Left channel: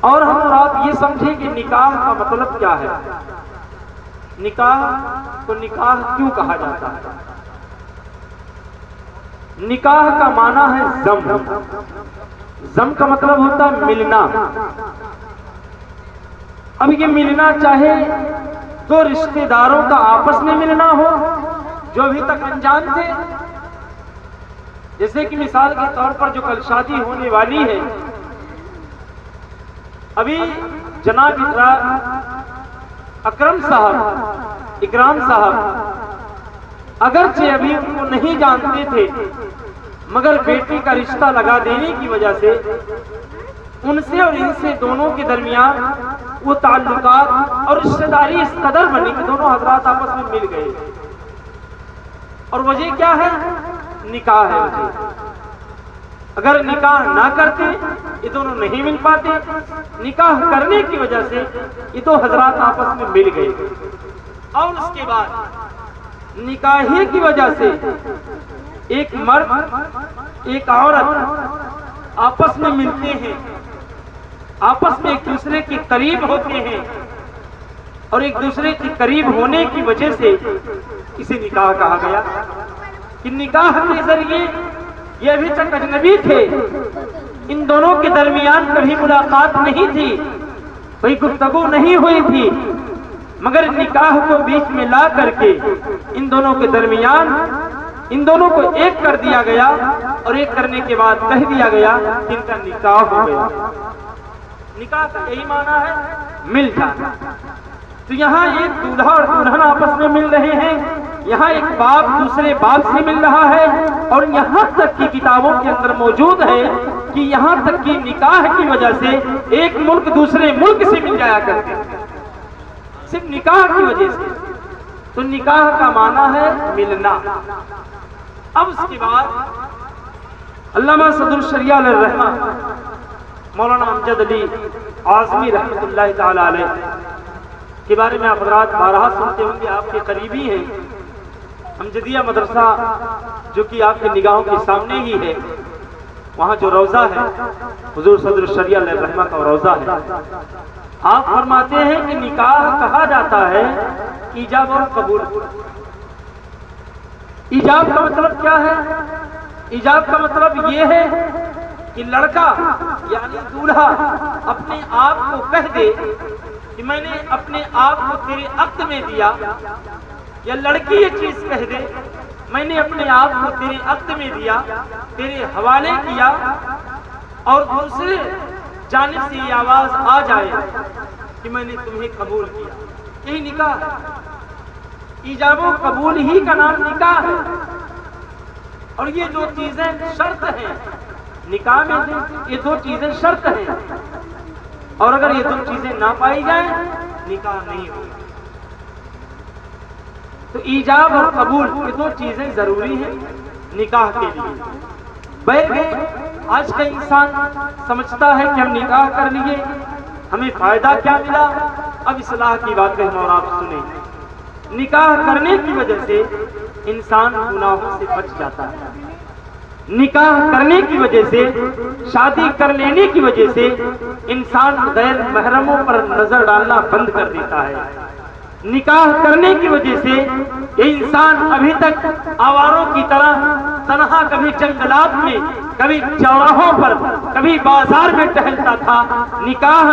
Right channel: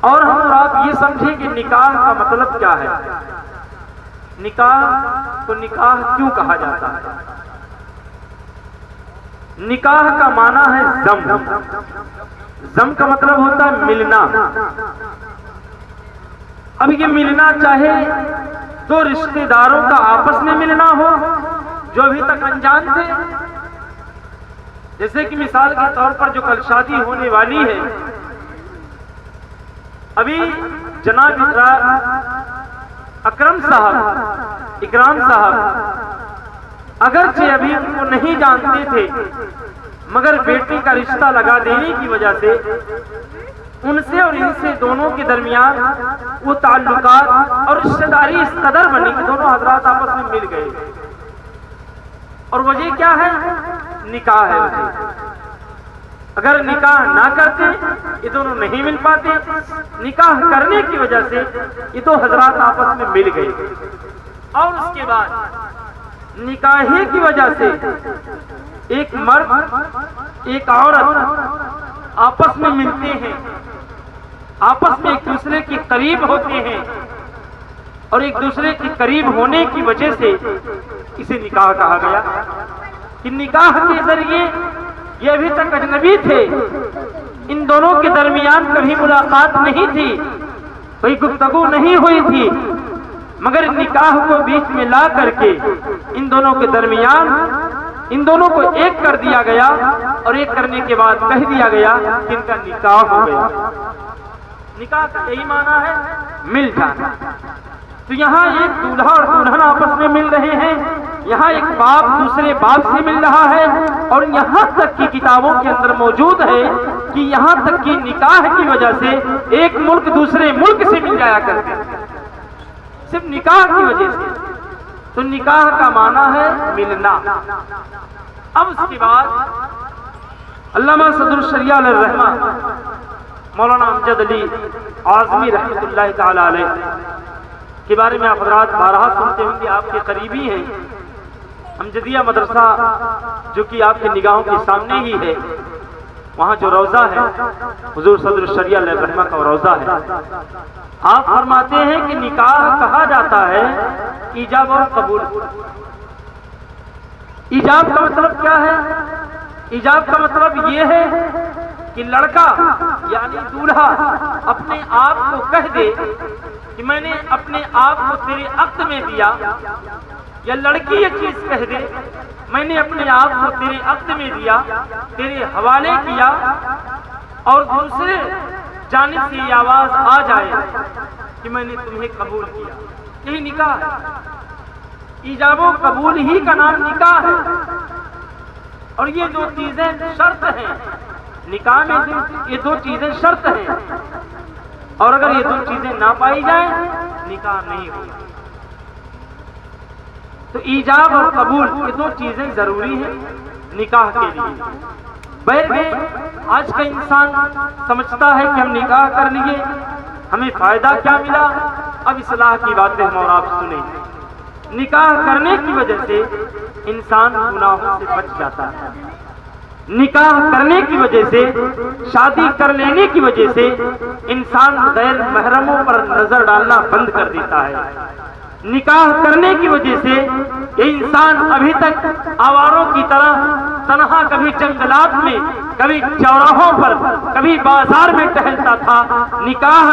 اور ہم اور آپ یہ سمجھیں کہ نکاح کا مطلب کیا ہے، نکاح کو نکاح کیوں کہا جاتا ہے؟ نکاح کا معنی ہے ضم، ضم کا مطلب ہوتا ہے ملنا۔ اب یہ ملنا چاہے دو رشتہ داروں کا آپس میں ملنا ہو جو ابھی تک انجان تھے، جیسے کہ مثال کے طور پر جو کل شادی ہونے والی ہے، ابھی جناب اکرم صاحب اگرچہ ابھی ان کو نہیں جانتے تھے، مگر بیٹے کا رشتہ لگا دینے کی وجہ سے ان سے اور ان سے دونوں کے درمیان وہ تعلقات اور رشتہ داری اس قدر بنی کہ دونوں حضرات آپس میں مل گئے۔ اور وجہ کیا ہے؟ نکاح ہے وجہ۔ اگر نکاح نہ کرتے یہ دونوں نہیں مل پاتے، نکاح کرنے کی وجہ سے یہ دو حضرات آپس میں مل گئے، اور اس کے بعد نکاح ہی کی وجہ سے ایک مرد ایک عورت آپس میں ملتے ہیں، آپس میں ایک دوسرے کے قریب ہوتے ہیں، اور ایک دوسرے کے قریب ہونے کی وجہ سے اسے نکاح کہا گیا کہ نکاح کے ذریعے یہ ابھی تک اجنبی تھے، ان دونوں کے درمیان کبھی ملاقات نہیں تھی، کوئی گفتگو نہیں ہوئی تھی، مگر نکاح کو بیچ میں لا کر کے ان دونوں کے درمیان ان دونوں کو ایک کر دیا گیا، اور ایک کرنے کے بعد کہہ دیا گیا کہ ان کا نکاح ہو گیا۔ نکاح کا یہی معنی ہے مل جانا۔ تو یہاں ایک دولہا اور دلہن آپس میں مل رہے ہیں، یہاں ایک باپ دوسرے باپ سے مل رہا ہے، اور یہاں تک کی کتابوں کے اندر موجود ہے کہ یہاں تک کہ نکاح کی وجہ سے ایک ملک دوسرے ملک سے مل جایا کرتے ہیں، صرف نکاح کی وجہ سے۔ تو نکاح کا معنی ہے ملنا۔ اب اس کے بعد علامہ صدر الشریعہ علیہ الرحمہ مولانا امجد علی اعظمی رحمۃ اللہ تعالی علیہ کے بارے میں آپ حضرات بارہا سنتے ہوں گے، آپ کے قریبی ہیں۔ امجدیہ مدرسہ جو کہ آپ کی نگاہوں کے سامنے ہی ہے، وہاں جو روضہ ہے حضور صدر الشریعہ علیہ الرحمہ کا روضہ ہے۔ آپ فرماتے ہیں کہ نکاح کہا جاتا ہے ایجاب اور قبول۔ ایجاب کا مطلب کیا ہے؟ ایجاب کا مطلب یہ ہے کہ لڑکا یعنی دولہا اپنے آپ کو کہہ دے کہ میں نے اپنے آپ کو تیرے عقد میں دیا، یا لڑکی یہ چیز کہہ دے میں نے اپنے آپ کو تیرے عقد میں دیا، تیرے حوالے کیا، اور دوسرے جانب سے یہ آواز آ جائے کہ میں نے تمہیں قبول کیا، یہی نکاح ہے۔ ایجاب و قبول ہی کا نام نکاح ہے، اور یہ دو چیزیں شرط ہیں نکاح میں، یہ دو چیزیں شرط ہیں، اور اگر یہ دو چیزیں نہ پائی جائیں نکاح نہیں ہوگی۔ تو ایجاب اور قبول یہ دو چیزیں ضروری ہیں نکاح کے لیے۔ بہرحال آج کا انسان سمجھتا ہے کہ ہم نکاح کر لیے ہمیں فائدہ کیا ملا۔ اب اصلاح کی باتیں ہم اور آپ سنیں۔ نکاح کرنے کی وجہ سے انسان گناہوں سے بچ جاتا ہے، نکاح کرنے کی وجہ سے، شادی کر لینے کی وجہ سے انسان غیر محرموں پر نظر ڈالنا بند کر دیتا ہے۔ نکاح کرنے کی وجہ سے یہ انسان ابھی تک آواروں کی طرح تنہا کبھی جنگلات میں، کبھی چوراہوں پر، کبھی بازار میں ٹہلتا تھا، نکاح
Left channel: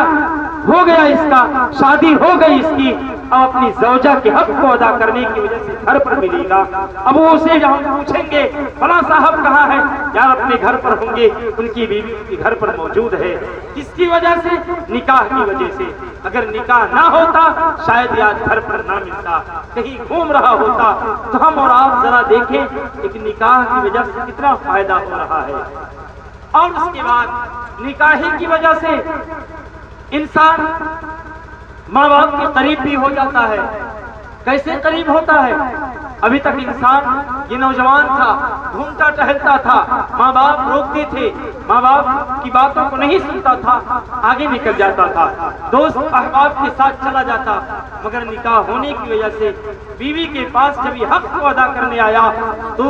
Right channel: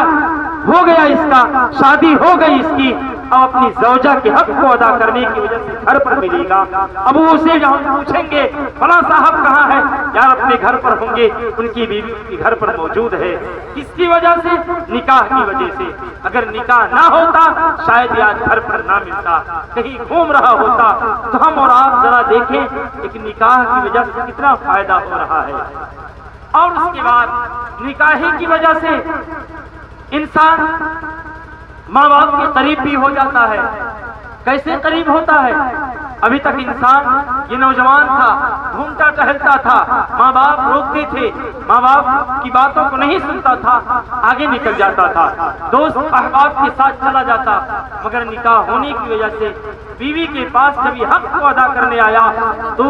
ہو گیا اس کا، شادی ہو گئی اس کی، اب اپنی زوجہ کے حق کو ادا کرنے کی وجہ سے گھر پر ملے گا۔ اب وہ اسے ہم پوچھیں گے فلاں صاحب کہاں ہے؟ یار اپنے گھر پر ہوں گے، ان کی بیوی ان کے گھر پر موجود ہے۔ کس کی وجہ سے؟ نکاح کی وجہ سے۔ اگر نکاح نہ ہوتا شاید آج گھر پر نہ ملتا، کہیں گھوم رہا ہوتا۔ تو ہم اور آپ ذرا دیکھیں ایک نکاح کی وجہ سے کتنا فائدہ ہو رہا ہے۔ اور اس کے بعد نکاح کی وجہ سے انسان ماں باپ کے قریب بھی ہو جاتا ہے۔ کیسے قریب ہوتا ہے؟ ابھی تک انسان یہ نوجوان تھا، گھومتا ٹہلتا تھا، ماں باپ روکتے تھے، ماں باپ کی باتوں کو نہیں سنتا تھا، آگے نکل جاتا تھا، دوست احباب کے ساتھ چلا جاتا، مگر نکاح ہونے کی وجہ سے بیوی کے پاس جب یہ حق کو ادا کرنے آیا تو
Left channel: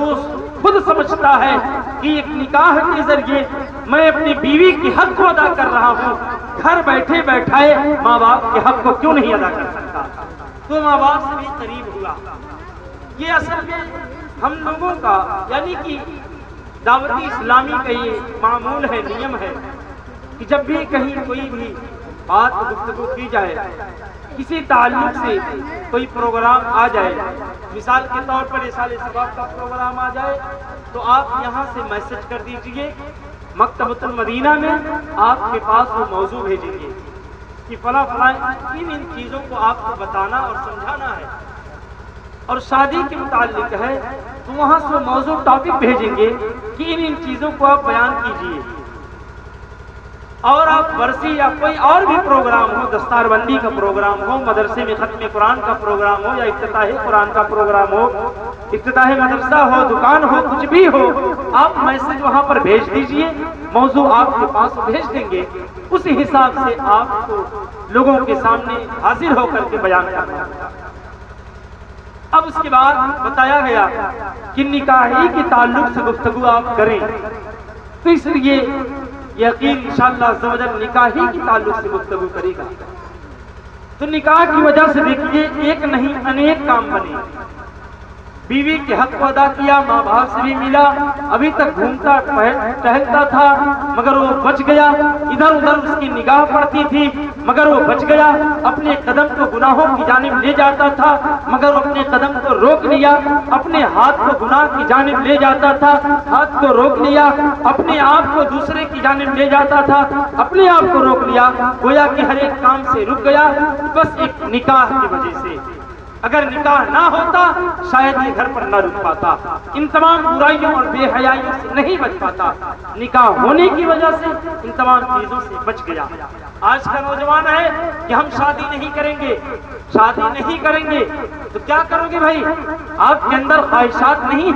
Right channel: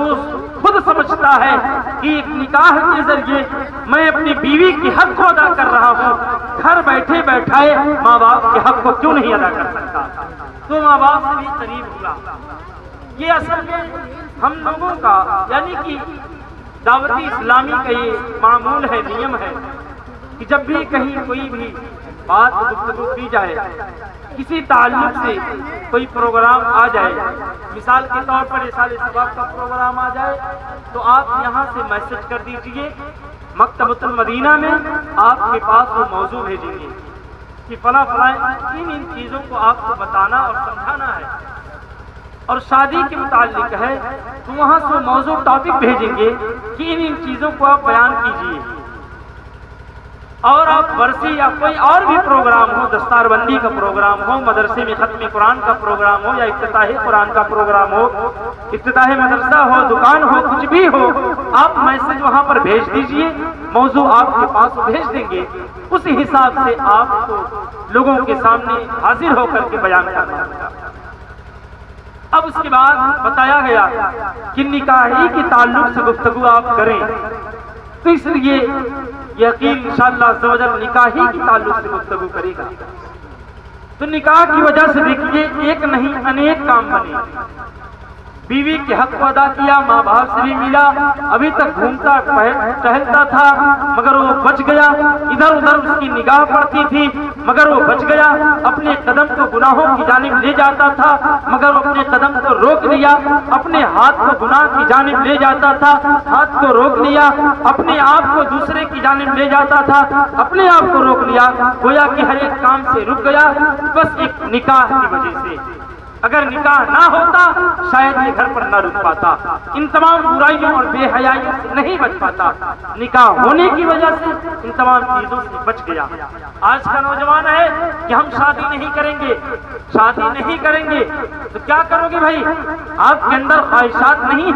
خود سمجھتا ہے کہ ایک نکاح کے ذریعے میں اپنی بیوی کے حق کو ادا کر رہا ہوں، گھر بیٹھے بیٹھائے ماں باپ کے حق کو کیوں نہیں ادا کر سکتا؟ تو ماں باپ سے بھی قریب ہوا۔ یہ اصل میں ہم لوگوں کا یعنی کہ دعوتی اسلامی کا یہ معمول ہے، نیم ہے کہ جب بھی کہیں کوئی بھی بات گفتگو کی جائے، کسی تعلق سے کوئی پروگرام آ جائے، مثال کے طور پر رسالہ ثواب کا پروگرام آ جائے تو آپ یہاں سے میسج کر دیجئے، مکتبۃ المدینہ میں آپ کے پاس وہ موضوع بھیجیں گے کہ فلاں فلاں ان چیزوں کو آپ کو بتانا اور سمجھانا ہے، اور شادی کے متعلق ہے تو وہاں سے موضوع ٹاپک بھیجیں گے کہ ان چیزوں کو آپ بیان کیجئے۔ اور آپ ورثی یا کوئی اور بھی پروگرام ہو، دستار بندی کا پروگرام ہو، مدرسے میں ختم قرآن کا پروگرام ہو، یا افتتاح قرآن کا پروگرام ہو، افتتاح مدرسہ ہو، دکان ہو، کچھ بھی ہو، آپ میسج وہاں پر بھیج دیجئے، موضوع آپ کے پاس بھیج دیں گے، اسی حساب سے آپ کو لوگوں کے سامنے حاضر ہو کر کے بیان کرنا ہوگا۔ اب اس کے بعد بتایا گیا کہ نکاحی کے تعلق سے گفتگو آپ کریں، تو اس لیے یقین انشاءاللہ عز و جل نکاحی کے تعلق سے گفتگو کرے گا۔ تو نکاح کی وجہ سے دیکھیے ایک نہیں انیک کام بنے، بیوی کے حق کو ادا کیا، ماں باپ سے بھی ملا، ابھی تک گھومتا ٹہلتا تھا مگر وہ بچ گیا، ادھر ادھر اس کی نگاہ پڑتی تھی مگر وہ بچ گیا، اپنے قدم کو گناہوں کی جانب لے جاتا تھا مگر وہ اپنے قدم کو روک لیا، اپنے ہاتھ کو گناہ کی جانب لے جاتا تھا، ہاتھ کو روک لیا، اپنے آپ کو دوسرے کی جانب لے جاتا تھا، اپنے آپ کو روک لیا، گویا کہ ہر ایک کام سے رک گیا، بس ایک نکاح کی وجہ سے۔ اگر نکاح نہ ہوتا شاید یہ گھر پر نہ رک پاتا، ان تمام برائیوں اور بے حیائیوں سے نہیں بچ پاتا، نکاح ہونے کی وجہ سے ان تمام چیزوں سے بچ گیا۔ آج کا نوجوان ہے کہ ہم شادی نہیں کریں گے، شادی نہیں کریں گے، تو کیا کرو گے بھائی؟ آپ کے اندر خواہشات نہیں ہیں۔